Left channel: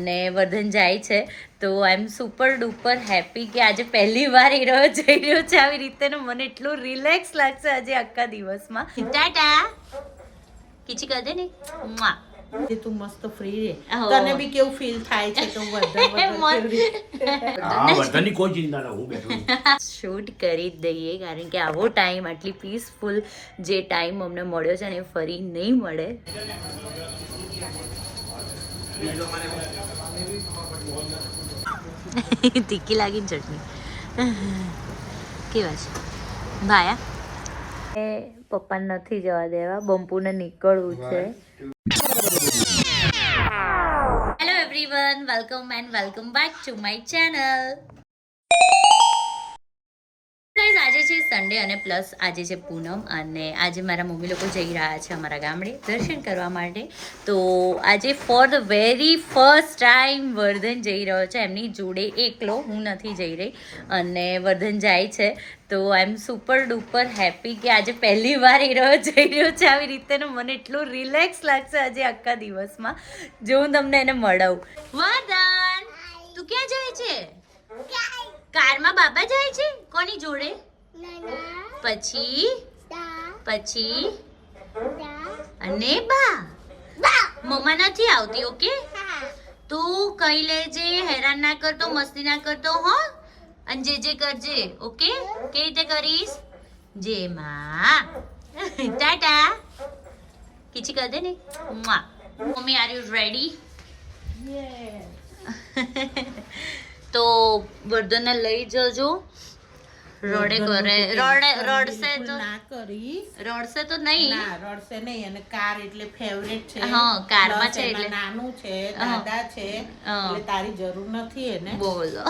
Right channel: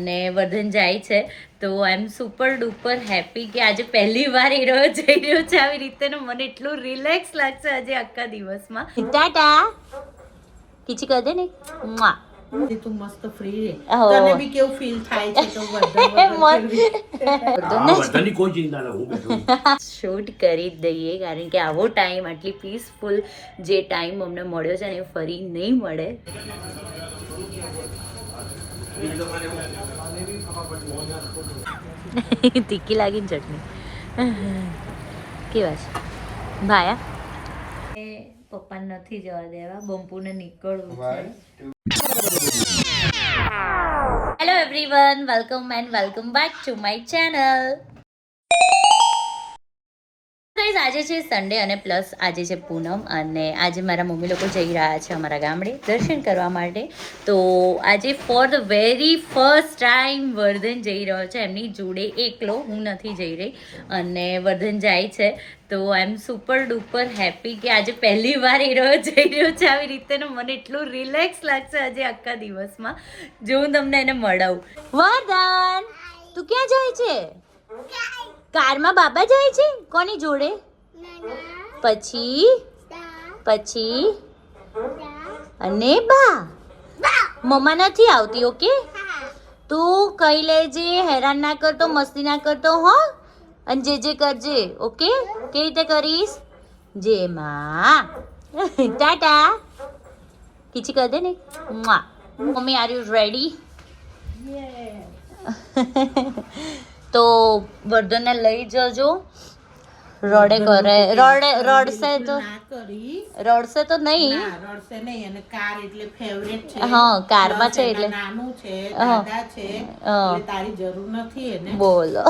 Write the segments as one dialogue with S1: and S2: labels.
S1: અને વધન જાય છે. તો I am super duper happy કે આજે પહેલી વાર હીરો રહ્યો જઈ રહ્યો છે. આવી રીતે મને એટલું રિલેક્સ લાગશે આજે આખા દિવસમાં. ટાટા. કિચી દે ને.
S2: તું મસ્ત ફ્રી રે તને બી કેવું ફીલ થાય છે વર્ધન
S3: કોઈ ચિંતા હું
S1: શૂટ કરી દઈએ કારણ કે આવો ટાઈમ આટલી પીસફુલ જે ટાઈમ અમને મળ્યો છે ને એ ફરી નહીં મળે. તીખી લાગી ચટણી. કેવા છે? ભાયા? એ પપ્પાને નથી જવા દેવા બમ્પુને નીકળવું છે. Hello everyone welcome and welcome back to my channel આજે છે સન્ડે અને પ્લસ આજે છે પૂનમ અને આજે મારા મમ્મી લોકો જઈ રહ્યા છે અમારા ગામડે દર્શન કરવા માટે. તો આજે for the very first time Vardhan જઈ રહ્યો છે. એમની જોડે એકલો હું નથી જઈ રહી અને વર્ધન જાય છે. તો I am super duper happy કે આજે પહેલી વાર એ રહ્યો જઈ રહ્યો છે. આવી રીતે મને એટલું રિલેક્સ લાગશે આજે આખા દિવસમાં. જો હું તમને એને મળાવું. વરદાન તું ક્યાં જાય છે? કારમાં બાબા જાય છે? કોની જોડે? પછી? પછી? અને બા? મમ્મા નથી આવતી ઓકે? તું કઈ લેજે હેરાન ના કરતો મસ્તી ના કરતો હો? અને જે જે કરજે ઓકે? કેવી રીતે કરીશ? જે માં. ટાટા. કિચી કર દે ને. મા. મમ્મી આર યુ રેડી તો વર્ધનને લઈ જજો. રડે કરે. રડે રડશે તો રડશે તો નહીં.
S2: રડશે નહીં. અને કાર એટલે ફેવરેટ છે.
S1: હા, કારમાં છે એટલે.
S2: નાનું છે. દાદા છે. એટલે તારી જરૂર નથી એને.
S1: બોલો.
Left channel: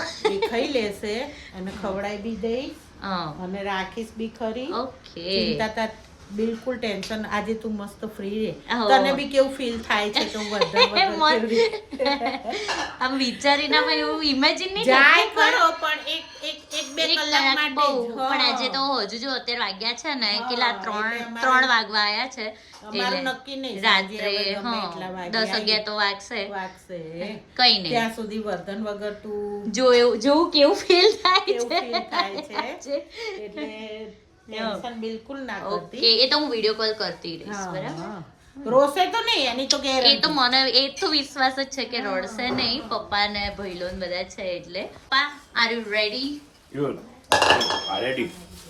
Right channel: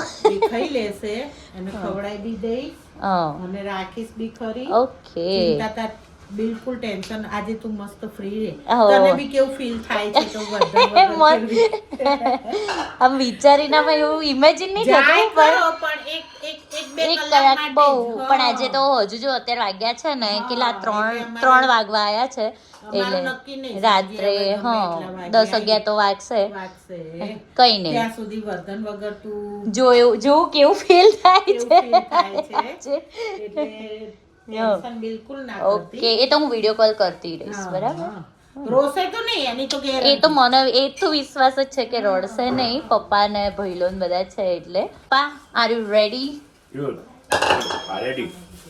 S2: ખાઈ લેશે અને ખવડાવી બી દઈશ.
S1: હા.
S2: અને રાખીશ બી ખરી.
S1: ઓકે.
S2: ચિંતા બિલકુલ ટેન્શન. આજે તું મસ્ત ફ્રી રે તને બી કેવું ફીલ થાય છે તો?
S1: આમ વિચારીને એવું ઇમેજિન નહીં
S2: જાય
S1: પણ
S2: એક એક કલાક
S1: બહુ પણ આજે તો હજુ જો અત્યારે વાગ્યા છે ને કેટલા ત્રણ ત્રણ વાગવા આવ્યા છે એટલે રાત્રે હા દસ અગિયાર તો વાગશે. કઈ નહીં.
S2: ત્યાં સુધી વર્ધન વગર તું
S1: જોયું જોવું કેવું ફીલ થાય છે.
S2: ટેન્શન બિલકુલ ના
S1: ઓકે એ તો હું વીડિયો કોલ કરતી રહીશ બરાબર?
S2: હા. તો નહીં એની તો
S1: એ તો મને એ તો વિશ્વાસ જ છે કે રડશે નહીં પપ્પા ને ભૈલો બધા છે એટલે. પા આર યુ રેડી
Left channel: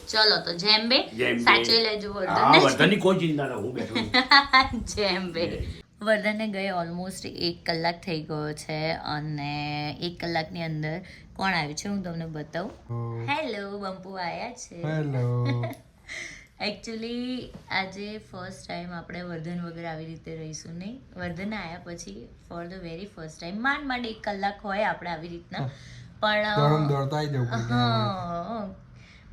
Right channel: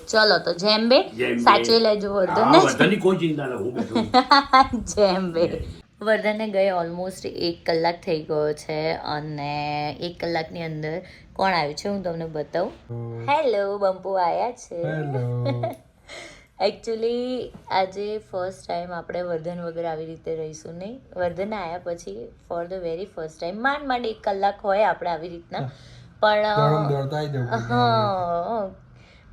S1: ચલો તો જેમ બે સાચવી લેજો
S3: હા
S1: વર્ધન
S3: કોઈ ચિંતા હું બેઠો
S1: વર્ધનને ગઈ ઓલમોસ્ટ એક કલાક થઈ ગયો છે અને એક કલાકની અંદર કોણ આવ્યું છે હું તમને બતાવું? હેલો બંપુ આયા છે.
S4: હેલો
S1: એકચ્યુઅલી આજે ફર્સ્ટ ટાઈમ આપણે વર્ધન વગર આવી રીતે રહીશું નહીં. વર્ધન આવ્યા પછી for the very first time માંડ માંડ એક કલાક હોય આપણે આવી રીતના. પણ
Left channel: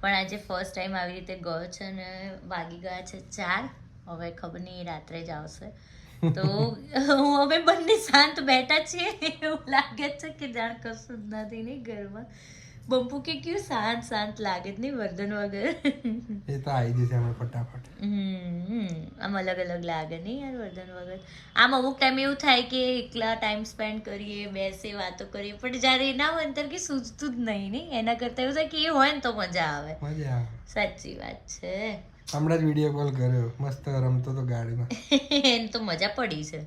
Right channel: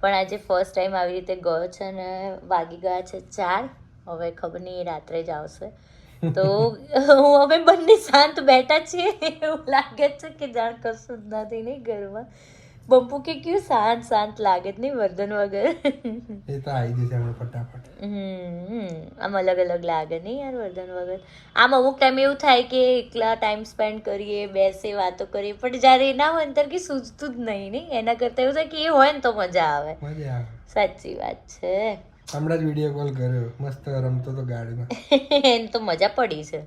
S1: પણ આજે ફર્સ્ટ ટાઈમ આવી રીતે ગયો છે ને વાગી ગયા છે ચાર. હવે ખબર નહીં રાત્રે જ આવશે. તો હું અમે બંને શાંત બેઠા છીએ. એવું લાગે છે કે જાણ કશું જ નથી નહીં ઘરમાં બંપુ કે ક્યુ શાંત શાંત લાગે જ નહીં વર્ધન વગર.
S4: એ તો આવી જશે હમણાં ફટાફટ.
S1: આમ અલગ અલગ લાગે નહીં યાર વર્ધન વગર. આમ અમુક ટાઈમ એવું થાય કે એકલા ટાઈમ સ્પેન્ડ કરીએ બેસે વાતો કરીએ પણ જ્યારે એના હોય ને કે સૂઝતું જ નહીં નહીં એના કરતાં એવું થાય કે એ હોય ને તો મજા આવે.
S4: મજા આવે.
S1: સાચી વાત છે.
S4: હમણાં જ વીડિયો કોલ કર્યો. મસ્ત રમતો તો ગાડીમાં.
S1: એને તો મજા પડી છે.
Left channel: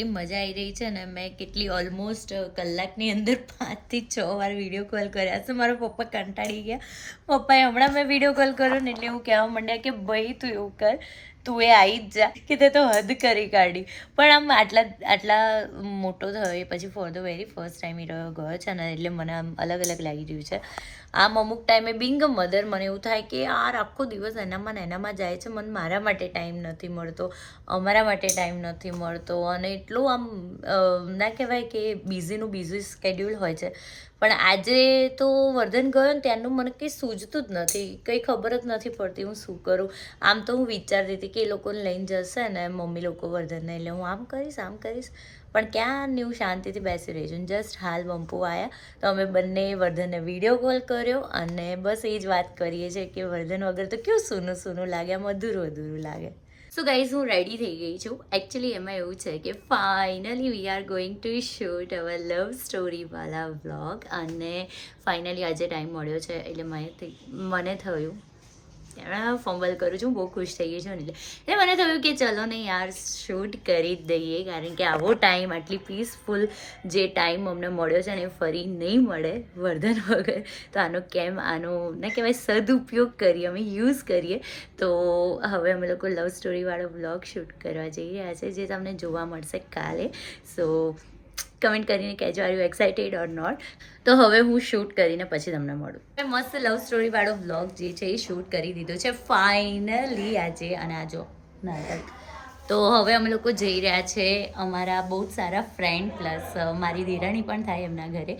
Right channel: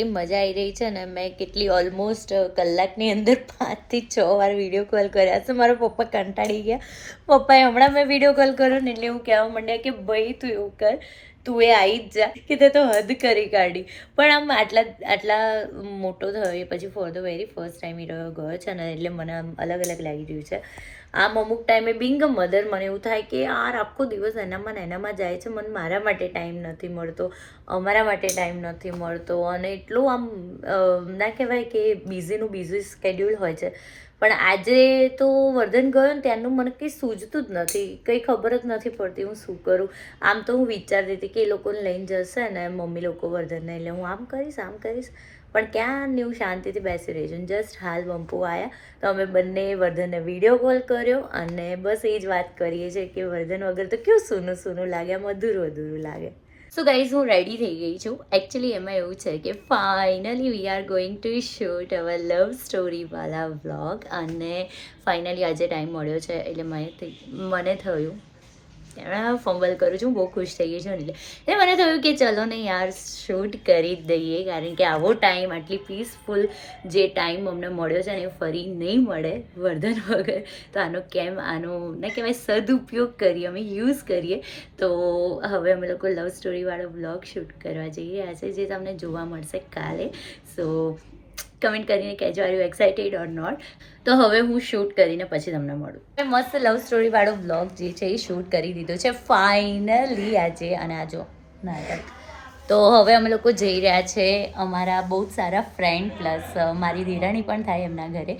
S1: એટલી મજા આવી રહી છે ને મેં કેટલી ઓલમોસ્ટ કલાકની અંદર પાંચથી છ વાર વીડિયો કોલ કર્યા છે. મારા પપ્પા કંટાળી ગયા. પપ્પાએ હમણાં મેં વીડિયો કોલ કર્યો ને એટલે હું કહેવા માંડ્યા કે, ભાઈ, તું એવું કર, તું એ આવી જ જા. કે તે તો હદ કરી કાઢી. પણ આમ આટલા આટલા મોટો થયો એ પછી for the very first time એ રહ્યો, ગયો છે ને એટલે મને આમ અલગ અલગ લાગી રહ્યું છે. આમ અમુક ટાઈમે બિંગ મધર મને એવું થાય કે યાર, આખો દિવસ એનામાં ને એનામાં જાય છે, મને મારા માટે ટાઈમ નથી મળતો, અમારા માટે ટાઈમ નથી મળતો. અને એટલું આમ ના કહેવાય કે બિઝીનું બિઝી સ્કેડ્યુલ હોય છે. પણ આજે તો વર્ધન ગયો ને ત્યારનું મને કંઈ સૂઝતું જ નથી, કંઈ ખબર જ નથી પડતી હું શું કરું. આમ તો હું વિચારતી હતી કે એ લોકોને લઈને જશે ને મમ્મી લોકો વર્ધનને, એટલે હું આમ કરીશ આમ કરીશ. પણ ક્યાં એવું શાંતિથી બેસી રહી છું? જસ્ટ હાલ બંપુ આવ્યા તો અમે બંને વર્ધનને વીડિયો કોલ કર્યો અને બસ એ જ વાત કરીએ છીએ કે વર્ધન વગર તો કેવું સૂનું સૂનું લાગે, આમ અધૂરું અધૂરું લાગે. સો ગાઈઝ હું રેડી થઈ ગઈ છું. એકચ્યુઅલી એમાં એવું છે કે finally we are going to shoot our love story વાલા વ્લોગ અને ફાઇનલી આજે ટાઈમ મળ્યો છે એટલે મને મને થયું ફંબલ કરું છું, બહુ ખુશ થઈ ગઈ છું એટલે મને થયું કે ચલો ને યાર શૂટ કરી જ દઈએ, કારણ કે આવો ટાઈમ આટલી પીસફુલ જે ટાઈમ અમને મળ્યો છે ને, એ ફરી નહીં મળે, વર્ધન વગર. તો આનો કેમ, આનો, ના કહેવાય, સદુપયોગ કરીએ, અમે યુઝ કરીએ. તો હવે અમે લોકો લવ સ્ટોરીવાળો બ્લોગ શૂટ કરવા જઈ રહ્યા છે જે તમને જોવા મળશે કાલે. સો કમેન્ટ કરીને કહેજો are you excited or not તો હવે હું શૂટ કરીને પછી તમને મળું. મેં મસ્ત લવ સ્ટોરીવાળો બ્લોગ જે છે એ શૂટ કરી દીધો છે ફાઇનલી આજે અને આ જો, નાટક. તો હવે અમે લોકો જઈ રહ્યા છે અમારા બહુ જ સારા ફ્રેન્ડ પ્લસ મારી દિરાણી પણ થાય એમના ઘરે.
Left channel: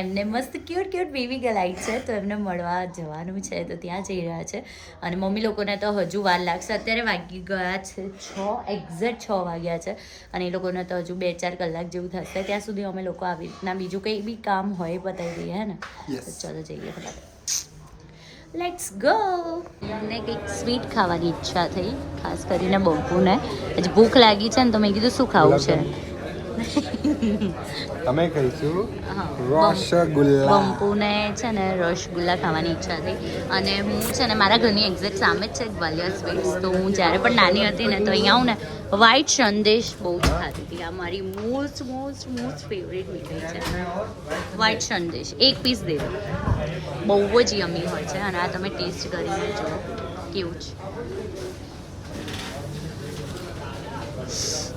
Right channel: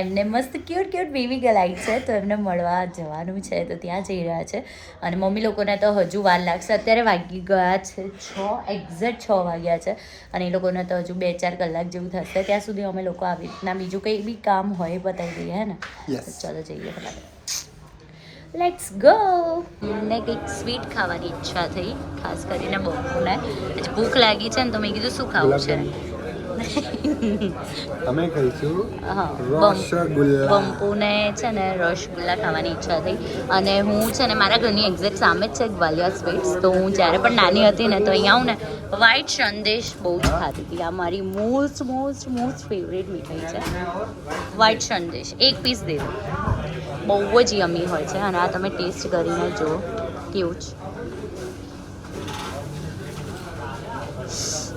S1: એમને મસ્ત ક્યુટ ક્યુટ બેબી ગલાઈ છે તો એમને મળવા જવાનું છે તો ત્યાં જઈ રહ્યા છે. અને મમ્મી લોકોને તો હજુ વાર લાગશે. અત્યારે વાગી ગયા છે છ એક્ઝેક્ટ છ વાગ્યા છે. અને એ લોકોને તો હજુ બે ચાર કલાક જેવું થશે. ત્યાં સુધી અમે લોકો આવી રીતના બીજું કંઈ બી કામ હોય બતાવી દઈએ હે ને? ચલો જઈએ ફટાફટ. લેટ્સ ગો મને કંઈક સ્વીટ ખાવાની ઈચ્છા થઈ ખાસ કરીને બહુને આજે ભૂખ લાગી છે ને તો મેં કીધું શું ખાવું છે?
S4: અમે ખાઈશું રસગુલ્લા.
S1: બંપુને છે ને રસગુલ્લા ખાવાની ઈચ્છા થઈ. અને હું છે ને મારા ઘરની એક્ઝેક્ટ સામે જ છે ગ્વાલિયર સ્વીટ્સ તો હું જ્યારે પણ નાની હતી ને તો અહીંયા આવું ને વ્હાઈટ સંદેશ બહુ જ ખાતી હતી. આ મારી મોસ્ટ મોસ્ટ મોસ્ટ ફેવરેટ મીઠાઈ છે. વ્હાઈટ સંદેશ. એક પીસ દે દો. બહુ જ યમી હોય છે. અને આ તમે ટેસ્ટ કરીને જુઓ. કેવું છે?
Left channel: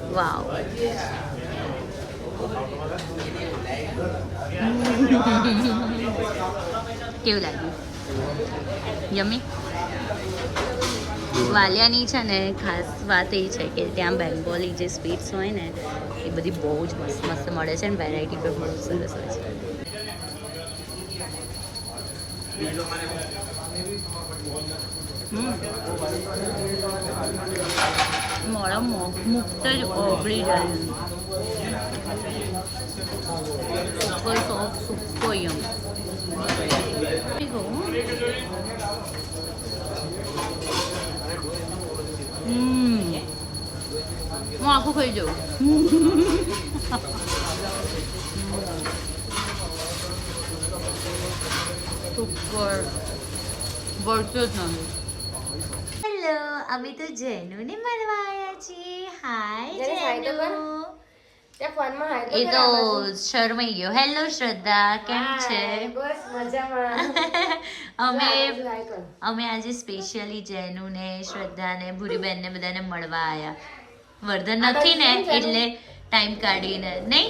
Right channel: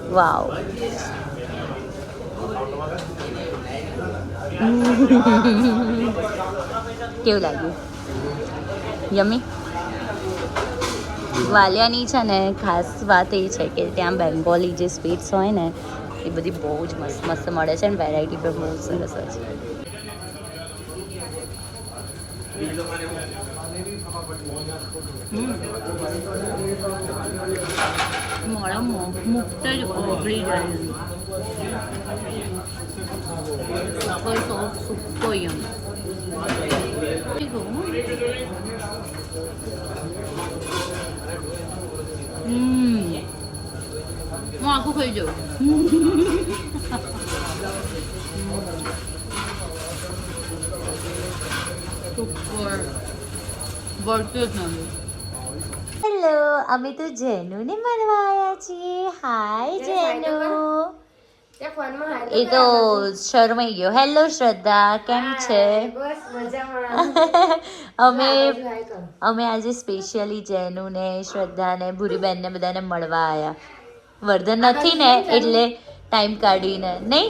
S1: વાવ. કેવું લાગ્યું? યમી વાલિયાની છે ને, ખાસ વાત એ છે કે ત્યાં બેંગોલી જે સ્વીટ્સ હોય ને, એ બધી બહુ જ મસ્ત મસ્ત મળે છે ને વેરાયટી પણ બહુ સરસ હોય છે. મોડા મુક્ત જ ઓગળી જાય. સુકો સોફ સુકો યમ હમ હું આખું ખાઈ જાઉં સુપર વળતો જ નથી હેલો અમે તો જેનુને મળવા આવ્યા છીએ હાય જેનુ એ તો શરમાઈ ગયો. હેલો શ્રદ્ધા. કેમ છે? અમે અમે આજે સ્પેશિયલી જેનુ ને શ્રદ્ધા ને ભૂરીબેન ને બધાને મળવા આવ્યા વર્ધન નથી ને એટલે ટાઈમ કાઢીને. નહીં?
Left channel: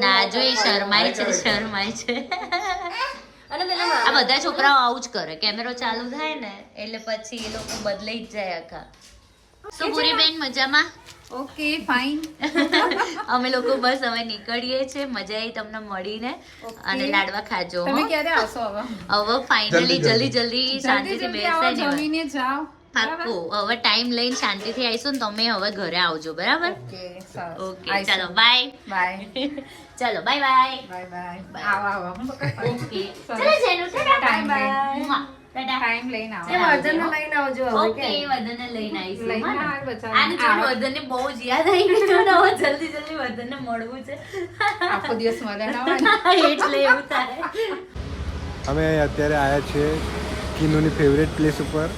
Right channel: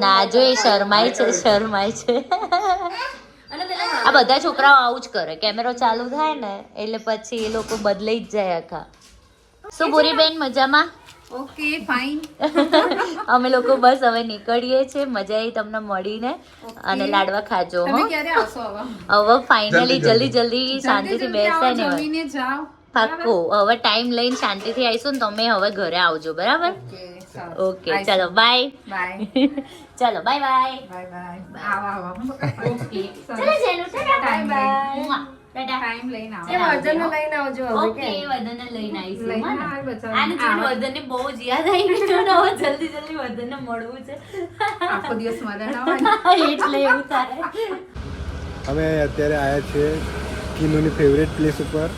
S1: ના જો એ શરમાય છે શરમાય છે. આ બધા છોકરાઓ આવું જ કરે. કેમેરો ચાલુ થાય ને એટલે પછી એ લોકો બદલાઈ જ જાય આખા. શું ભૂરીબેન મજામાં?
S2: Okay fine.
S1: અમે લોકો બસ હવે નીકળીએ છીએ મજા આવી તમને મળીને અને લાડવા ખાજો
S2: તમે ક્યારે આવશો હવે?
S1: હવે ફાઇનલી જલ્દી જલ્દી. શાંતિથી બેસે ને
S2: જમીને જાઓ.
S1: પાક્કું. હવે ટાઈમ લઈને શાંતિથી આવીશું ને તમે હવે ઘરે આવજો બરાબર?
S2: ઓકે
S1: ચાલો બાય
S2: બાય
S1: ચાલો બાય બાય
S2: બાય બાય આવો આવો.
S1: ઓકે. ચલો જેનું ટાટા. બાય બાય
S2: ટાઈમ લઈને આવો.
S1: એ
S2: લઈને આવજો
S1: ઓકે વર્ધનને લઈને આવીશું
S2: લઈને
S1: હા ને?
S2: આવ બચારા.
S1: આને જોઈને વર્ધનને બહુ જ યાદ આવી ગયું ને હવે જલ્દી જલ્દી વર્ધનને મળવું છે.
S2: આખો દિવસ મળે
S1: એટલે એવું થાય.
S4: અમે અત્યારે આવ્યા છીએ કિનુની ફેવરેટ પ્લેસ ઉપર.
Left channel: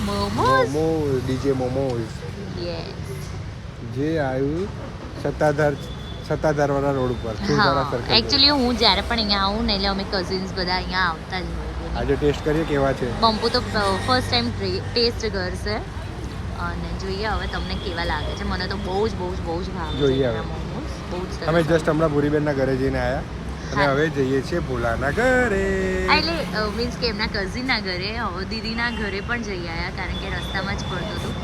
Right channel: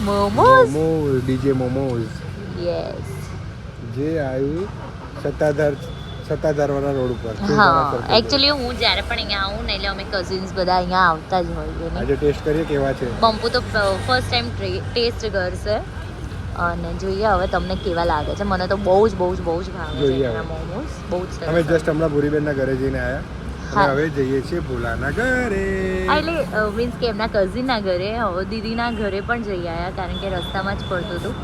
S1: મોમોઝ.
S4: ડીજે મોમોઝ.
S1: યસ
S4: જે આવ્યું સત્તાધાર સત્તાધાર વાળા રોડ ઉપર
S1: હા. એકચ્યુઅલી હું જ્યારે પણ અહીંયા આવું ને એટલે અમે કઝિન્સ બધા અહીંયા આવતા જ હોય
S4: આજે ટેસ્ટ કરીએ કેવા છે?
S1: બંપુ તો ફર્સ્ટ ટાઈમ ટેસ્ટ કરશે અને જોઈએ હવે તમને કેવા લાગે છે. મને તો બહુ જ બહુ જ બહુ જ ભાવે છે એના મોમોસ બહુ જ
S4: અમે જસ્ટ હમણાં ભૂરીબેનના ઘરે જઈને આવ્યા. અને હવે જઈએ છીએ ભોલાના ઘરે.
S1: એટલે મીન્સ કે એમના કઝિનના ઘરે હવે દીદીના ઘરે પણ જઈ આવ્યા કારણ કે રસ્તામાં જ પડતું હતું.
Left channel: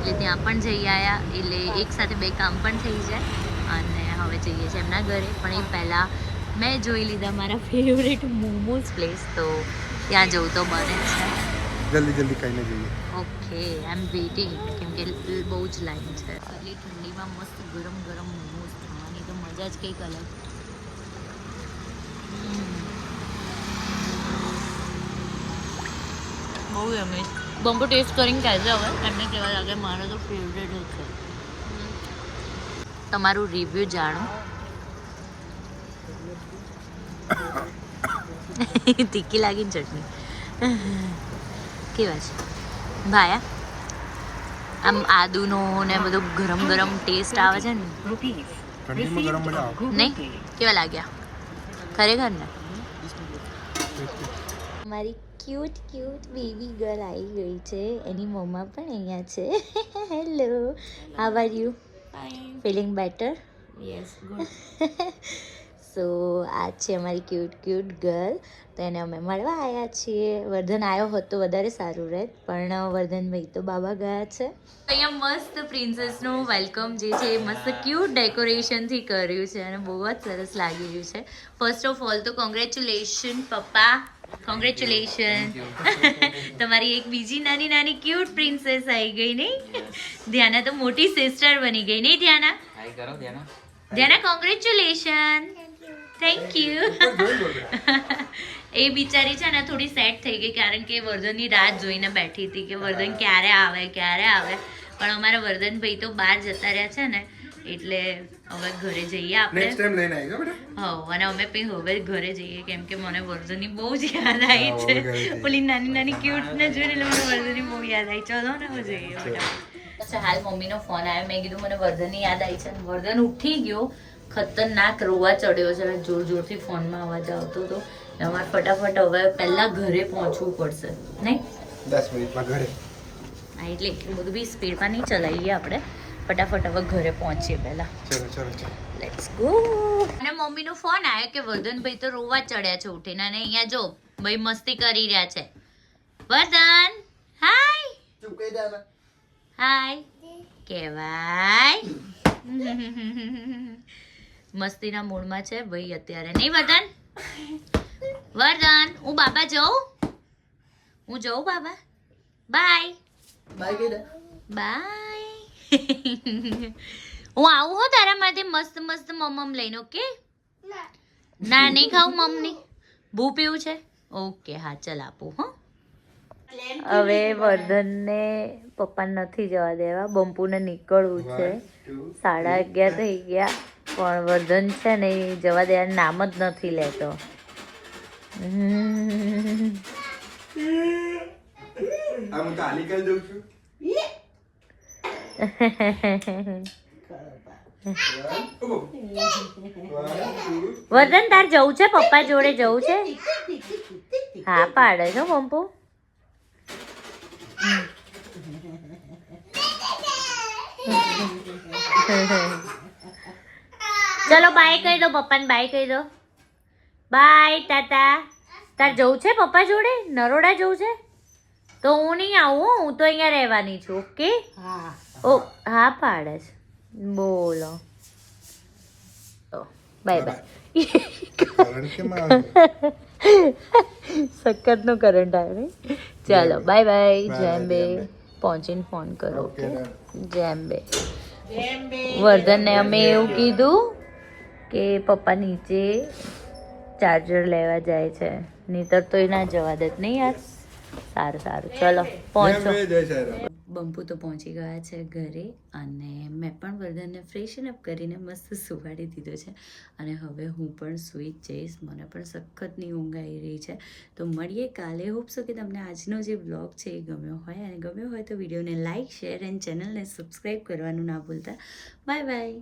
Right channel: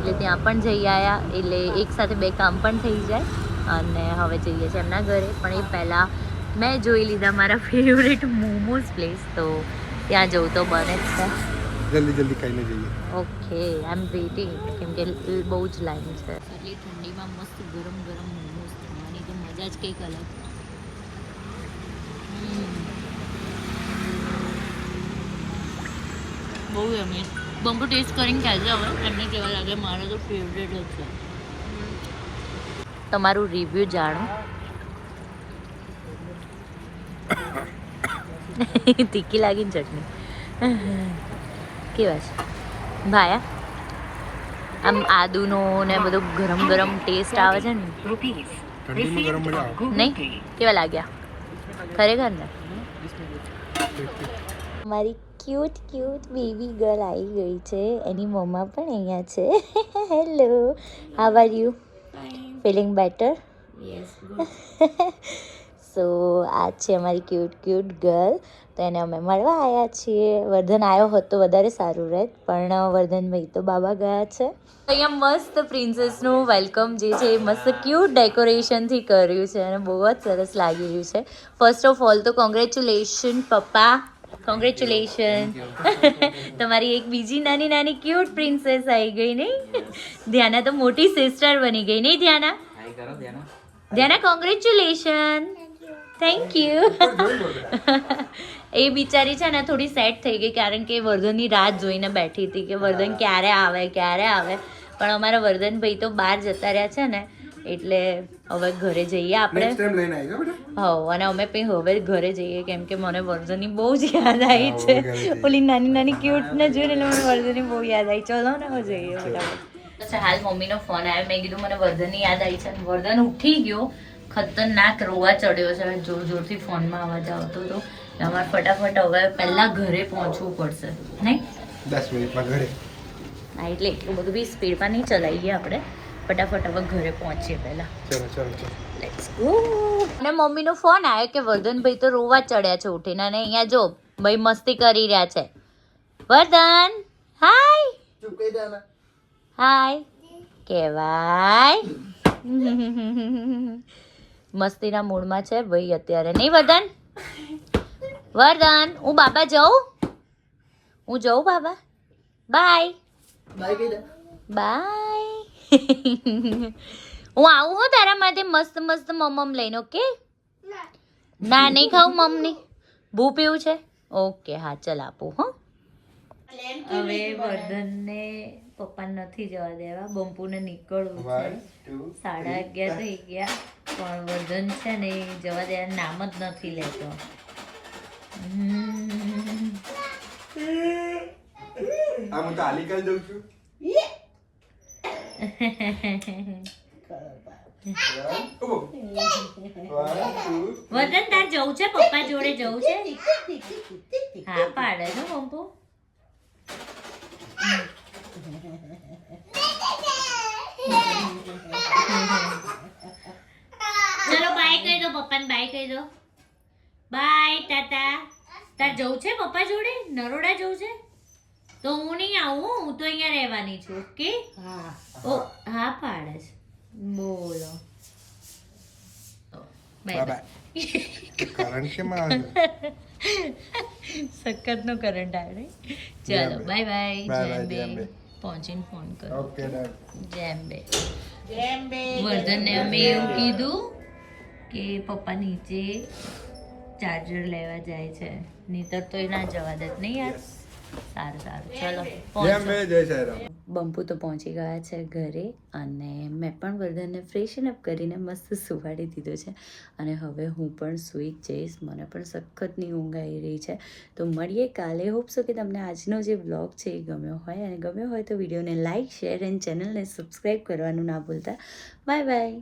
S1: એટલે ત્યાં પણ જઈ આવ્યા એટલે એક સાથે બે કામ પણ થઈ જાય. અને હવે જઈએ છીએ એમના ઘરે. પણ એ પહેલાં મેં જોઈ લીધા મારા ફેવરેટ મોમોઝ પ્લેસ તો ત્યાં જવું તો બને જ છે.
S4: જલ્દી જલ્દી ખાઈને જઈએ.
S1: ઓકે આઈ એમ વેઇટિંગ કેમ કે બહુ જ લાઈન છે. આટલી ઠંડીમાં મસ્ત ગરમ ગરમ મોમોઝ ખાવાની તો મજા જ કંઈક અલગ. બહુ એમ બંકો ટેસ્ટ કરીને કહેજો હવે. એમને કેવા લાગે મારો તો ફેવરેટ જ છે. તમારું રિવ્યૂ જાણો. તીખી લાગી ને ચટણી. કેવા છે? ભાયા? આમ આદુનો ને બધો ગરમ ગરમ ટેસ્ટ આવે છે ને.
S4: ઠંડીમાં ગરમ મજા આવે.
S1: નહીં? કેવા લાગ્યા? ખરેખર ને? મારી ક્યુટ ક્યુટ બેબી ગર્લ આવી ગઈ છે. એની મમ્મા પણ અહીંયા છે. Hello how are you feeling better so આ છે અમારી ક્યુટ ક્યુટ ગર્લ તો એને અમે મળવા આવ્યા છીએ. વર્ધન આવ્યો હોત તો વધારે સારું રહેત પણ વર્ધનભાઈ તો બાબા ગયા છે. અહીંયા મસ્ત પ્રિન્સેસનું વેલકમ જે છે એ મસ્ત ક્યુટ ડેકોરેશનથી કર્યું છે અને બહુ જ સરસ લાગી રહ્યું છે. ફર્સ્ટ ઓફ ઓલ તો કોંગ્રેચ્યુલેશન પપ્પા. કોંગ્રેચ્યુલેશન તમારી એક બીજી નાની નાની ક્યુટ પ્રિન્સેસ આવી ગઈ નહીં? ધ્યાના તો મોટી સિસ્ટર બની ગઈ નહીં Dhyana? Dhyana. Congratulation thank you એ બિચારી છે ને થોડી સેટ થઈ ગઈ કારણ કે વર્ધનની રાહ જોઈને બેઠી હતી કે વર્ધન ક્યારે આવે ક્યારે આવે. પણ અમારા વર્ધનભાઈ તો બહાર જતા રહ્યા છે ને એટલે હવે ઘરે જઈએ આપણે.
S4: નેક્સ્ટ ટાઈમ લઈને આવી બેટા.
S1: હવ અને અમે પછી હવે ઘરે જઈએ કેમ કે મને વર્ઝનની બહુ જ યાદ આવી છે. ઓલી નાની નાની ક્યુટ ને જોઈને એટલે મને વર્ઝનની બહુ યાદ આવી ચલો ને હવે જઈએ ફટાફટ. હાલ મમ્મીનો ફોન આવ્યો. મેં કીધું મને વર્ધનની યાદ આવી છે. અને વર્ધન ઉઠી ગયો. ખતરનાક રોવા ચડ્યો છે. જોર જોરથી ફોનમાં અવાજ આવતો હતો. અમારે ફટાફટ હવે પહેલાં ઘરે પહોંચવું પડશે. નહીં?
S4: દસ મિનિટમાં ઘરે.
S1: હા એટલે એટલું બધું બી સ્પીડમાં નહીં ચલાવીએ આપણે. ફટાફટ હવે ઘરે પહોંચીએ પહેલાં.
S4: ચલો ચલો ચલો.
S1: લેટ્સ ગો અને મમ્મીનો ફોન આવ્યો કે વર્ધનભાઈ તો રોવા જ ચડ્યા છે ઉઠીને અને અહીંયા જો ભાઈ મસ્તી કરી રહ્યા છે. વર્ધન હાય.
S4: ચૂપ કહી દે
S1: હાય. કહેવાય. મસ્તીના મૂડમાં છે ભાઈ અત્યારે. નહીં વર્ધન? વર્ધન હું બાબા જાઉં? હું જાઉં બાબા? બાય
S2: બાય
S1: બાય હું આવું હો તારા માટે મસ્ત મસ્ત મમમ લઈને ઓકે ના. નહીં ખાવું મમની? ભૂ પીવું છે? ઓકે હા ચલ આપું હો. હવે વર્ધનને પપ્પાને નથી જવા દેવા બંપુને નીકળવું છે. સાડા અગિયાર થઈ ગયા પણ વર્ધન છે ને એ જવા દેવાનું નામ જ નથી લેતો.
S4: આ હું તાલી કરી દઉં છું.
S1: વર્ધન તાર જવું છે? પપ્પા જોડે જવું છે? હા, પાડે છો પંપુ. ચલો બાય કહી દો, પપ્પાને બાય કહી દો. બાય ટાટા. તાર જવું છે પપ્પા જોડે? નરોડા જવું છે? તો હું નહીં આવું હું તો અહીંયા રહેવાની છું ઓકે?
S2: હા.
S1: ઓ હા પાડે છે. બોલો. Bye bye. સખતનો કરંટ આવ્યો નહીં. ચાલો બાય બાય. જેમ બે. પહોંચીને ફોન કરો
S4: ઓકે?
S1: જેમ બે. વર્ધનને અમે એવું કીધું કે પપ્પા નીચે ચાર્જર લેવા જાય છે. નહીતર તો એ ના જવા દે. નહીં યાર? સારું સારું. ચલો પહોંચો. બંપુ તો પહોંચી ગયા છે ઘરે અને મેં પણ વર્ધનને ફ્રેશન અપ કરીને મસ્ત સુવાડી દીધો છે. અને હવે હું પણ સૂઈ જઈશ. મને પણ સખતની ઊંઘ આવી રહી છે. તો મળીએ કાલે. હોપસો કે તમને આજનો જે બ્લોગ છે એ ગમ્યો હોય. અને ગમ્યો હોય તો વિડીયોને લાઇક શેર એન્ડ ચેનલને સબસ્ક્રાઈબ કરવાનું ના ભૂલતા. Bye bye